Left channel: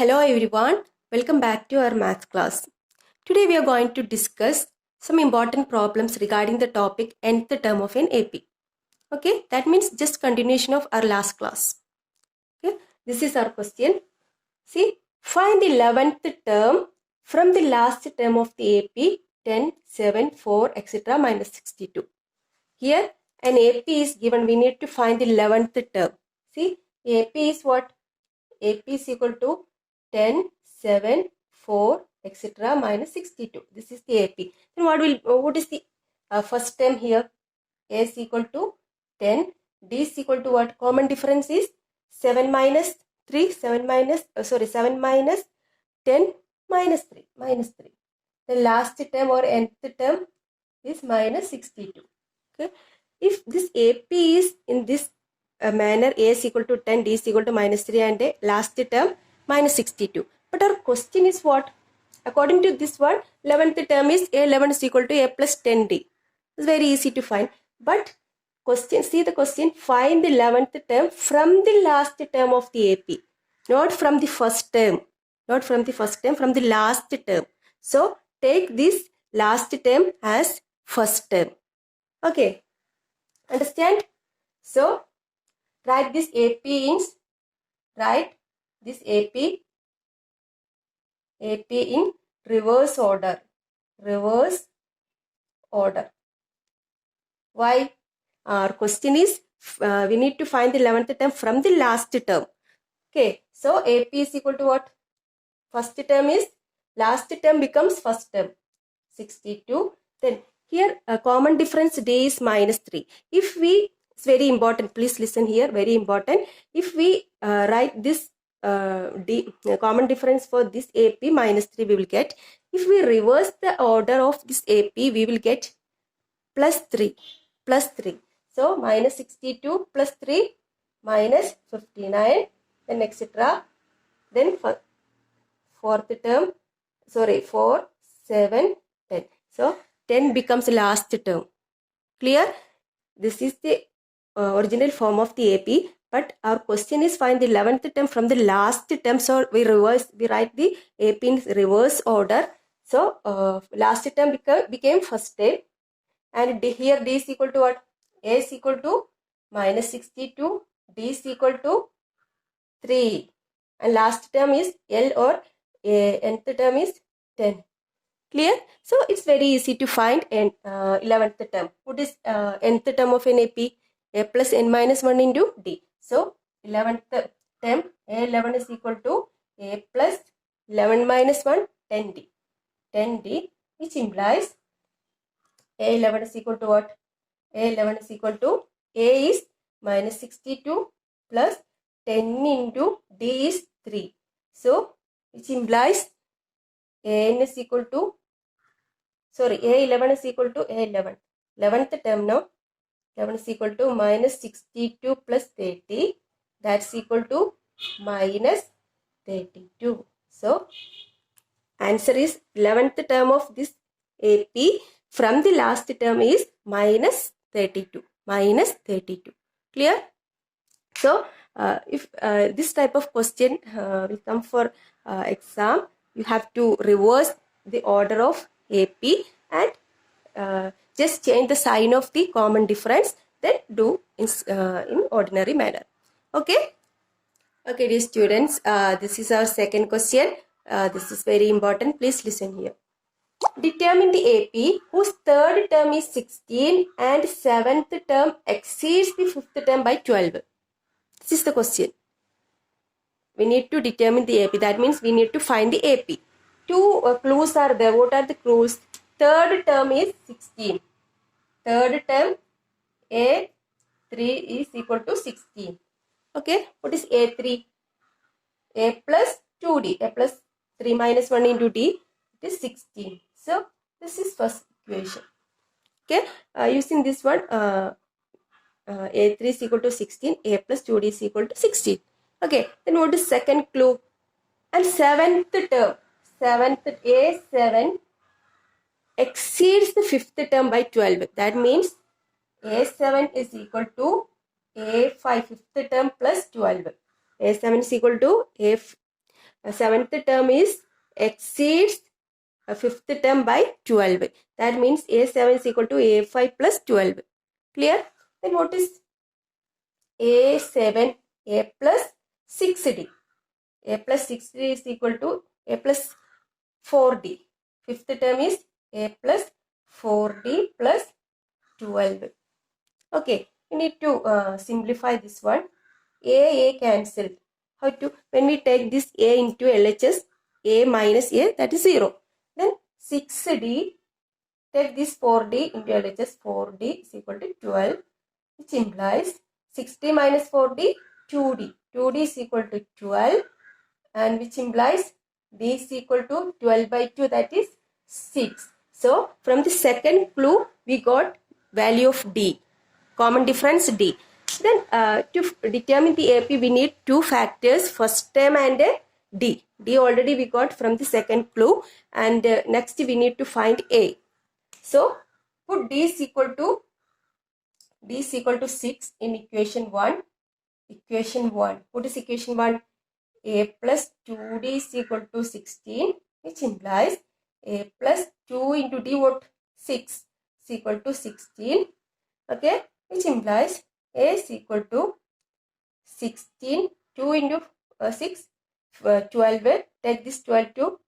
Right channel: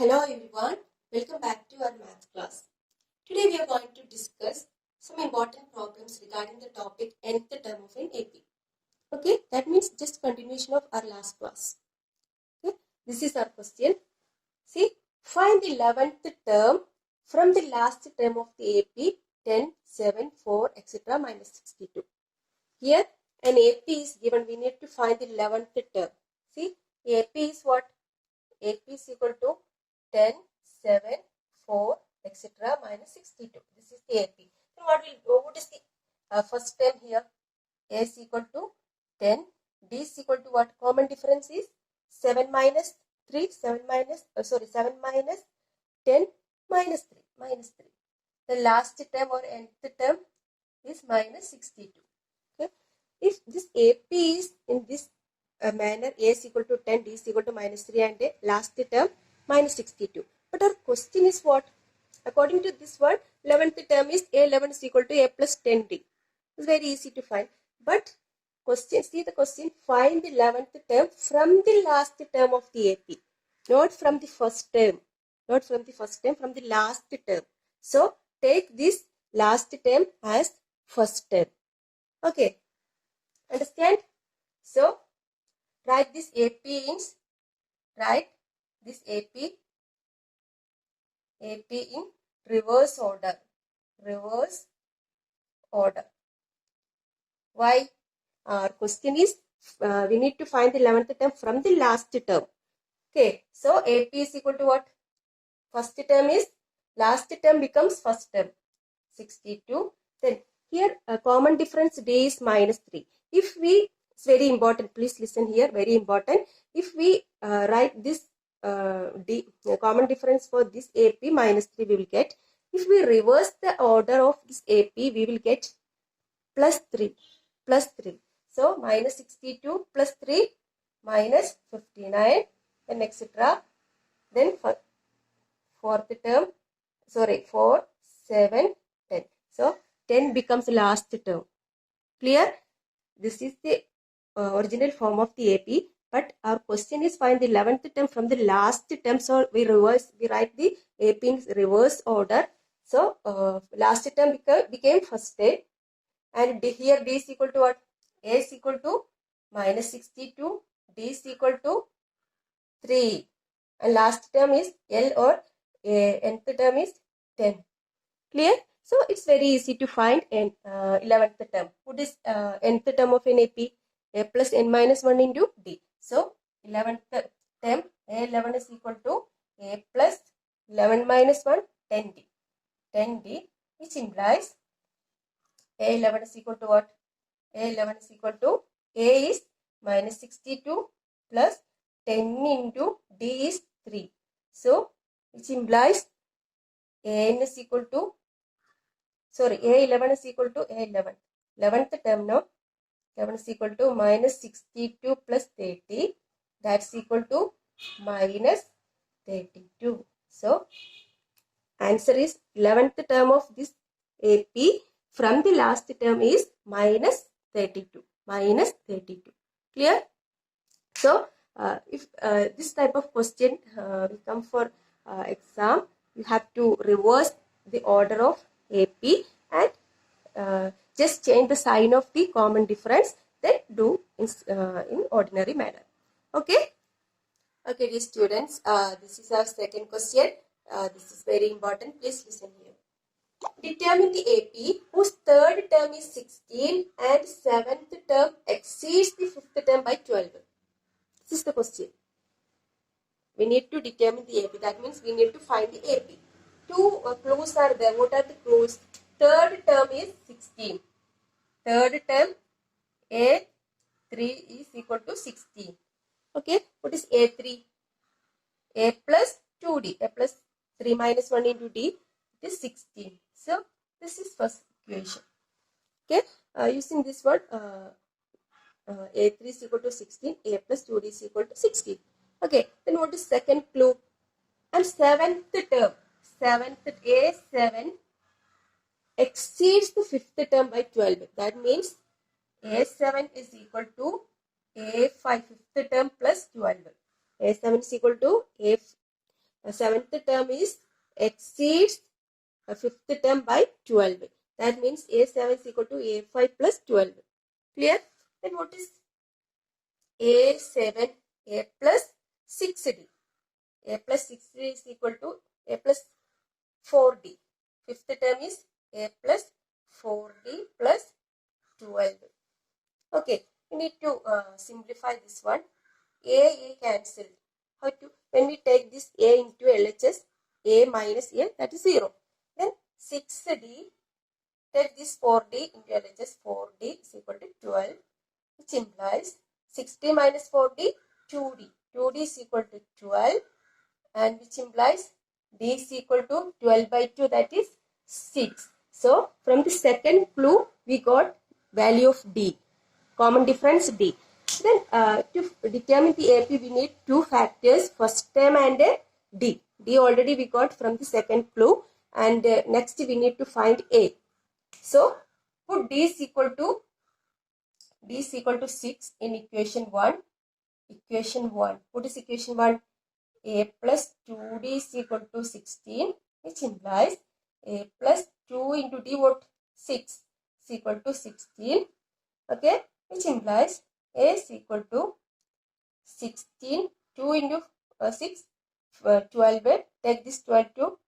Hello everyone, welcome back to our math class. Today we are going to discuss some important problems regarding the topic nth term of an AP. Okay, that means just continuation of our last class. Okay, this is our question. See, find the 11th term from the last term of the AP 10, 7, 4, etc. minus 62. Here an AP is given, we need to find the 11th term. See, AP is what? AP is equal to 10, 7, 4, etc. minus 62. This is the AP. Then what is the first term here? A is equal to 10. D is equal to what? Common difference is 7 minus 3. 7 minus 10 minus 3. Minus 3. The last term or nth term is minus 62. Okay. If this AP is in this manner, A is equal to 10, D is equal to minus 3 and a last term minus 62. But our question is what? According to this one, 11th term is A11 is equal to A plus 10D. It's very easy to find. But question, see the question, find the 11th term from the last term of the AP. Not from the first term. Not from the first term, from the last term. So, take this last term as first term. Okay. Understand? So, write this AP in reverse order. Reverse order. Why? Our question is, we need to find the 11th term from the last term. Okay. So, AP is equal to what? First term is, last term becomes first term. 62. Then, here a common difference D is minus 3. If we, it's very important, please listen here, very important. If we write this D, common difference for this AP minus 3 we will get. If we reverse the order of this AP, we will get plus 3. Plus 3. So, minus 62 plus 3 minus 59 and etc. Then fourth term, 4, 7, 10. So, 10 becomes last term. Clear? This is the original form of the AP. But our question is find the 11th term from the last term. So, we write the AP in reverse order. So, last term became first term. And here D is equal to what? A is equal to minus 62. D is equal to 3. And last term is L or nth term is 10. Clear? So, it's very easy to find 11th term. What is nth term of an AP? A plus n minus 1 into D. So, 11th term, A11 is equal to A plus 11 minus 1, 10D. 10D, which implies A11 is equal to what? A11 is equal to A is minus 62 plus 10 into D is 3. So, which implies AN is equal to, A11 is equal to A11. 11th term now, 11 is equal to minus 62 plus 30. That's equal to minus 32. So, answer is 11th term of this AP from the last term is minus 32. Minus 32. Clear? So, if this type of question will come for exam, you have to reverse the order of AP and just change the sign of the common difference, then do in ordinary manner. Okay? Okay, dear students, this is our second question. This is very important. Please listen here. Determine the AP whose third term is 16 and seventh term exceeds the fifth term by 12. This is the question. We need to determine the AP. That means we need to find the AP. Two clues are there. What are the clues? Third term is 16. Third term A3 is equal to 16. Okay. What is A3? A plus 2D. A plus 3 minus 1 into D. It is 16. So, this is first equation. Okay. Using this one, A3 is equal to 16. A plus 2D is equal to 16. Okay. Then what is second clue? And seventh term. A7 exceeds the fifth term by 12. That means A7 is equal to A5 fifth term plus 12. A7 is equal to seventh term is exceeds fifth term by 12. That means A7 is equal to A5 plus 12. Clear? Then what is A7? A plus 6D. A plus 6D is equal to A plus 4D. Fifth term is A plus 4D plus 12. Okay, we need to simplify this one. A cancelled. How to? When we take this A into LHS, A minus A, that is 0. Then 6D, take this 4D into LHS, 4D is equal to 12, which implies 6D minus 4D, 2D. 2D is equal to 12, and which implies D is equal to 12 by 2, that is 6. So, from the second clue, we got value of D. Common difference D. Then to determine the AP, we need two factors, first term and D. D already we got from the second clue, and next we need to find A. So put D is equal to 6 in equation 1. Equation 1. What is equation 1? A plus 2D is equal to 16, which implies A plus 2 into D, what? 6 is equal to 16. Okay, which implies A is equal to 16, 2 into 6, 12. Take this 12 to,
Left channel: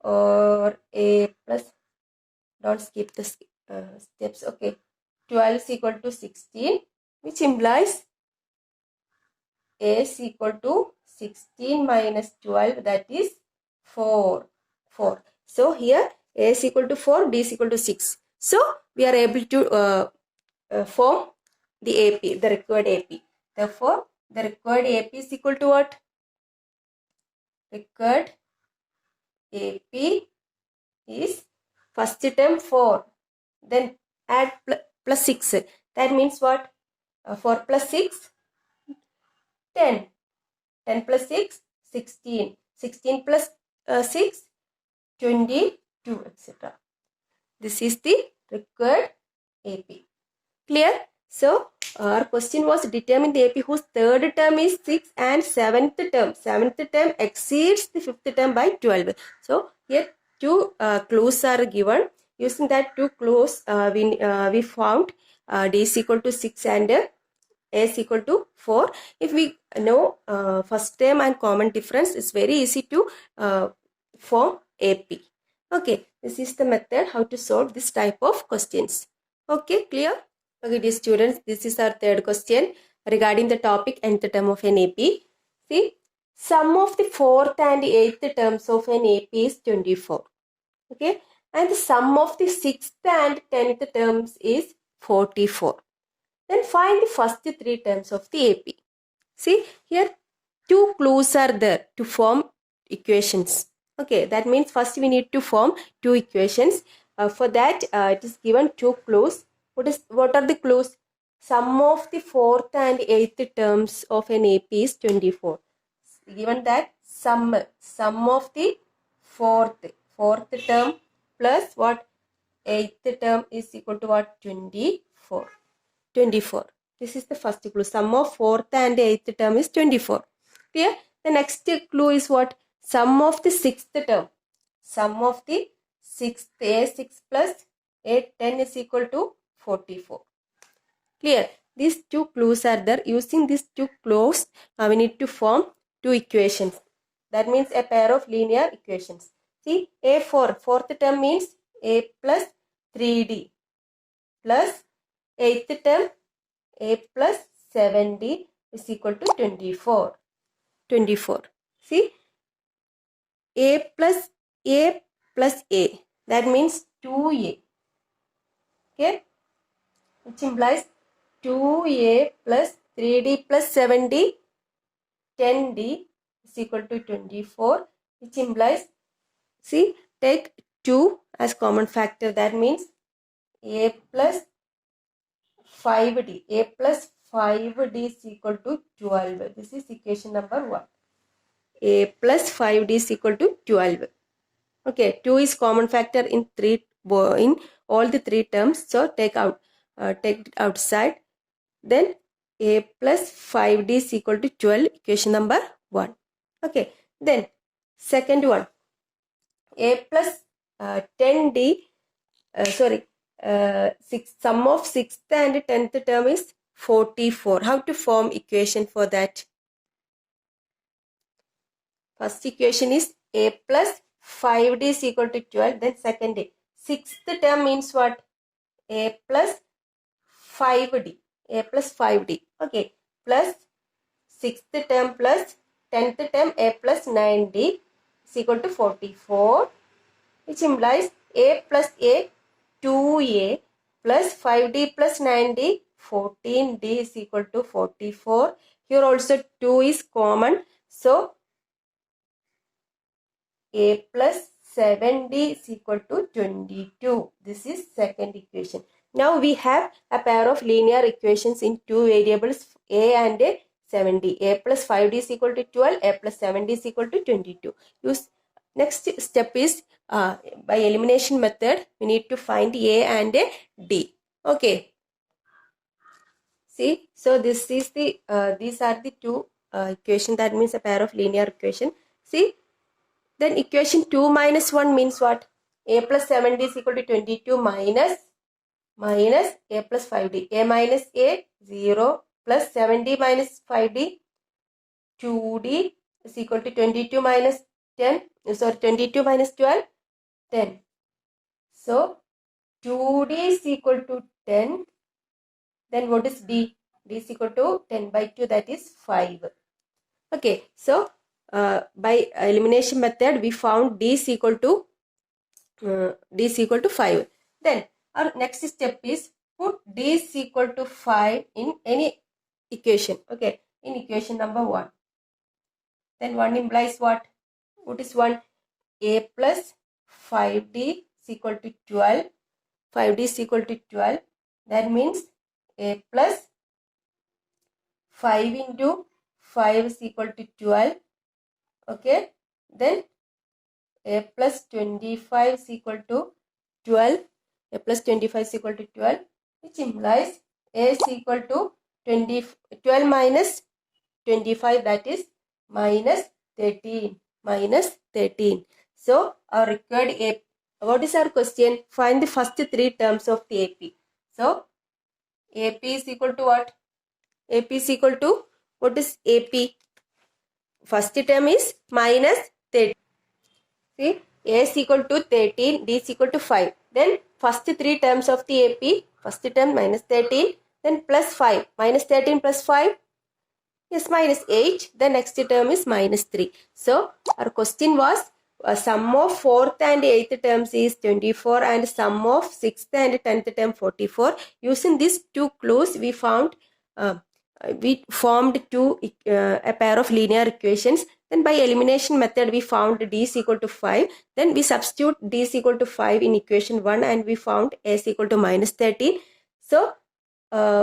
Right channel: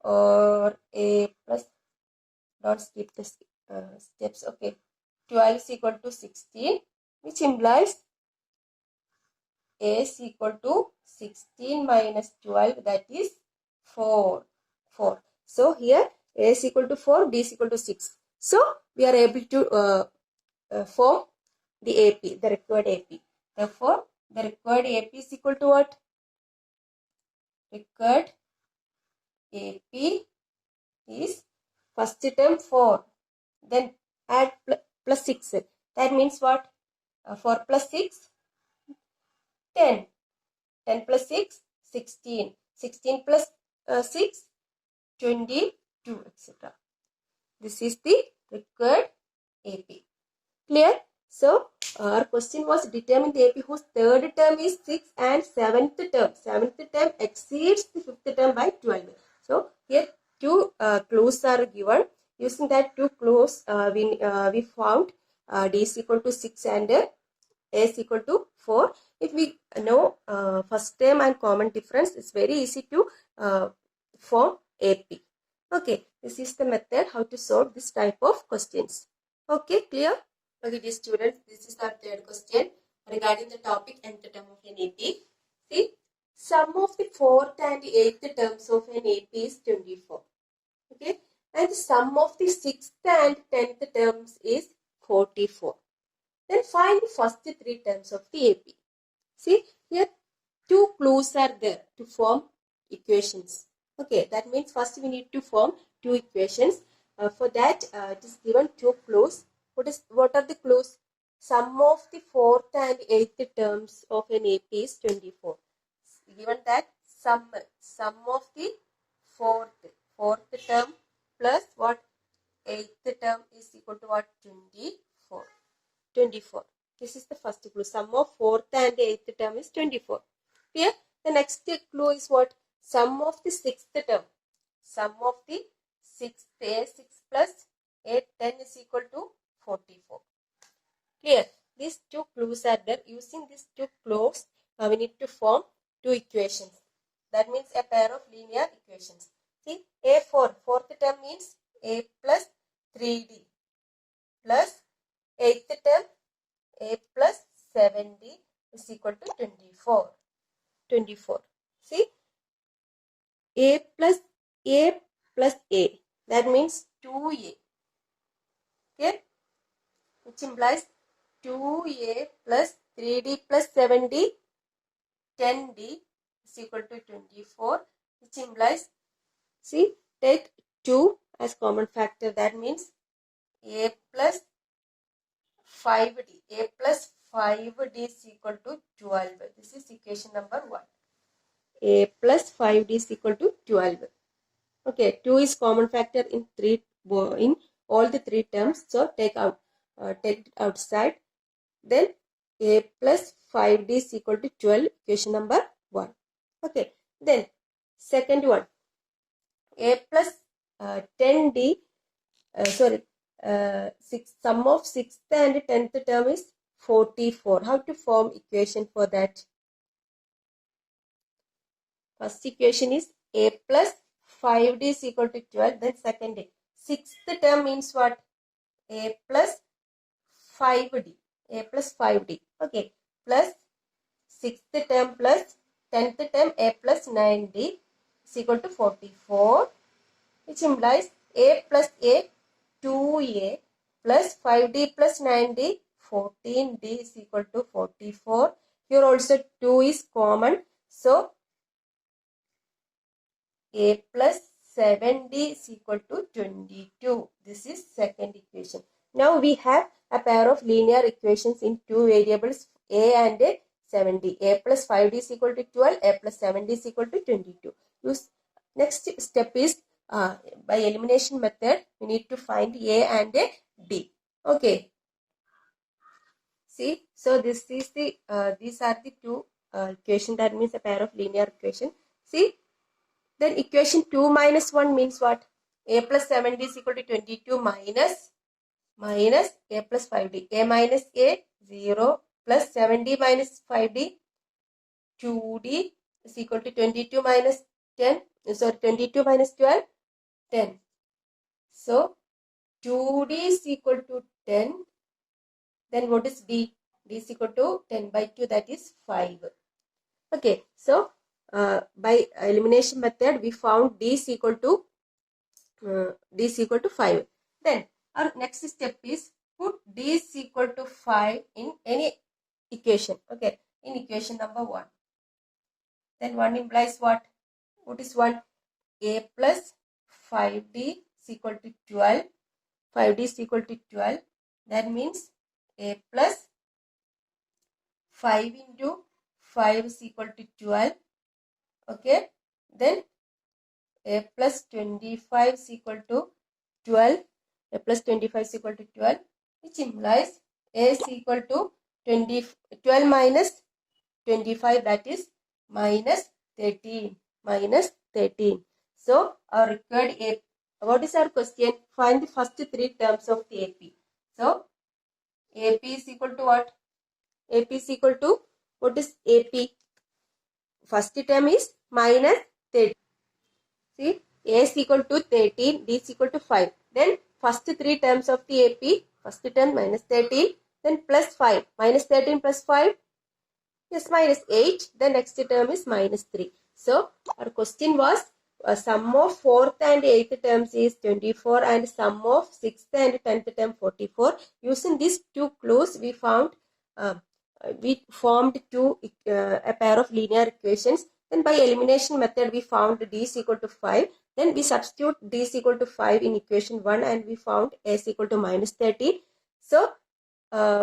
or A plus, don't skip the steps. Okay, 12 is equal to 16, which implies A is equal to 16 minus 12, that is 4. So here A is equal to 4, D is equal to 6. So we are able to form the AP, the required AP. Therefore, the required AP is equal to what? Required AP is first term 4. Then add plus 6. That means what? 4 plus 6, 10. 10 plus 6, 16. 16 plus 6, 22, etc. This is the required AP. Clear? So, our question was determine the AP whose third term is 6 and seventh term exceeds the fifth term by 12. So, here two clues are given. Using that two clues, we found D is equal to 6 and A is equal to 4. If we know first term and common difference, it's very easy to form AP. Okay, this is the method how to solve this type of questions. Okay, clear? Okay, dear students, this is our third question regarding the topic nth term of an AP. See, sum of the fourth and eighth terms of an AP is 24. Okay, and the sum of the sixth and 10th terms is 44. Then find the first three terms of the AP. See, here two clues are there to form equations. Okay, that means first we need to form two equations. For that, it is given two clues. What are the clues? Sum of the fourth and eighth terms of an AP is 24. Given that sum of the fourth term plus what? Eighth term is equal to what? 24. 24. This is the first clue. Sum of fourth and eighth term is 24. Clear? The next clue is what? Sum of the sixth term. Sum of the sixth, A6 plus A10 is equal to 44. Clear? These two clues are there. Using these two clues, we need to form two equations. That means a pair of linear equations. See, A4, fourth term means A plus 3D plus eighth term A plus 7D is equal to 24. 24. See, A plus A. That means 2A. Okay, which implies 2A plus 3D plus 7D, 10D is equal to 24, which implies, see, take 2 as common factor. That means A plus 5D. A plus 5D is equal to 12. This is equation number 1. A plus 5D is equal to 12. Okay, 2 is common factor in all the three terms. So take it outside. Then A plus 5D is equal to 12, equation number 1. Okay, then Second one, a plus 10d, sum of 6th and 10th term is 44. How to form equation for that? First equation is a plus 5d is equal to 12. Then second a. 6th term means what? A plus 5d. A plus 5d. Okay. Plus 6th term plus 10th term a plus 9d is equal to 44. Which implies a plus a 2a plus 5d plus 9d 14d is equal to 44. Here also 2 is common. So a plus 7d is equal to 22. This is second equation. Now we have a pair of linear equations in two variables a and 7d. A plus 5d is equal to 12. A plus 7d is equal to 22. Next step is by elimination method, we need to find a and d. Okay. See, so this is the these are the two equation, that means a pair of linear equation. See, then equation 2 minus 1 means what? A plus 7d is equal to 22 minus a plus 5d. A minus a 0 plus 7d minus 5d 2d is equal to 22 minus 10. Sorry, 22 minus 12 10. So 2d is equal to 10. Then what is d? D is equal to 10 by 2, that is 5. Okay, so by elimination method we found d is equal to 5. Then our next step is put d is equal to 5 in any equation. Okay, in equation number 1. Then 1 implies what? What is 1? A plus 5d is equal to 12. 5d is equal to 12. That means a plus 5 into 5 is equal to 12. Okay. Then a plus 25 is equal to 12. A plus 25 is equal to 12. Which implies a is equal to 12 minus 25, that is minus 13. Minus 13. So our required a, what is our question? Find the first three terms of the AP. So AP is equal to what? AP is equal to, what is AP? First term is minus 13. See, A is equal to 13, D is equal to 5. Then first three terms of the AP, first term minus 13, then plus 5. Minus 13 plus 5 is minus 8. The next term is minus 3. So our question was sum of 4th and 8th terms is 24 and sum of 6th and 10th term 44. Using these two clues, we formed a pair of linear equations. Then by elimination method, we found d is equal to 5. Then we substitute d is equal to 5 in equation 1 and we found a is equal to minus 13. So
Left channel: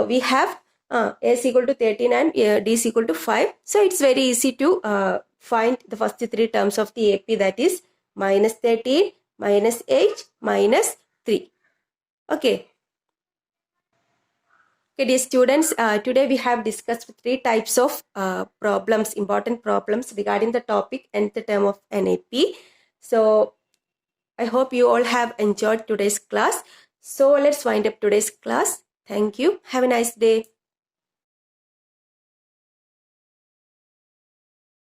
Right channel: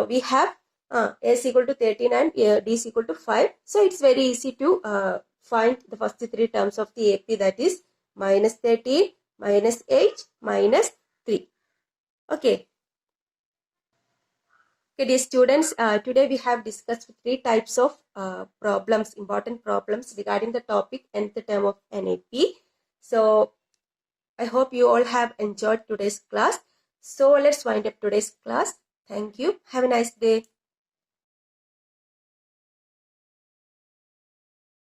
we have a is equal to 13 and d is equal to 5. So it's very easy to find the first three terms of the AP, that is minus 13, minus 8, minus 3. Okay. Okay, dear students, today we have discussed three types of problems, important problems regarding the topic nth term of an AP. So I hope you all have enjoyed today's class. So let's wind up today's class. Thank you. Have a nice day.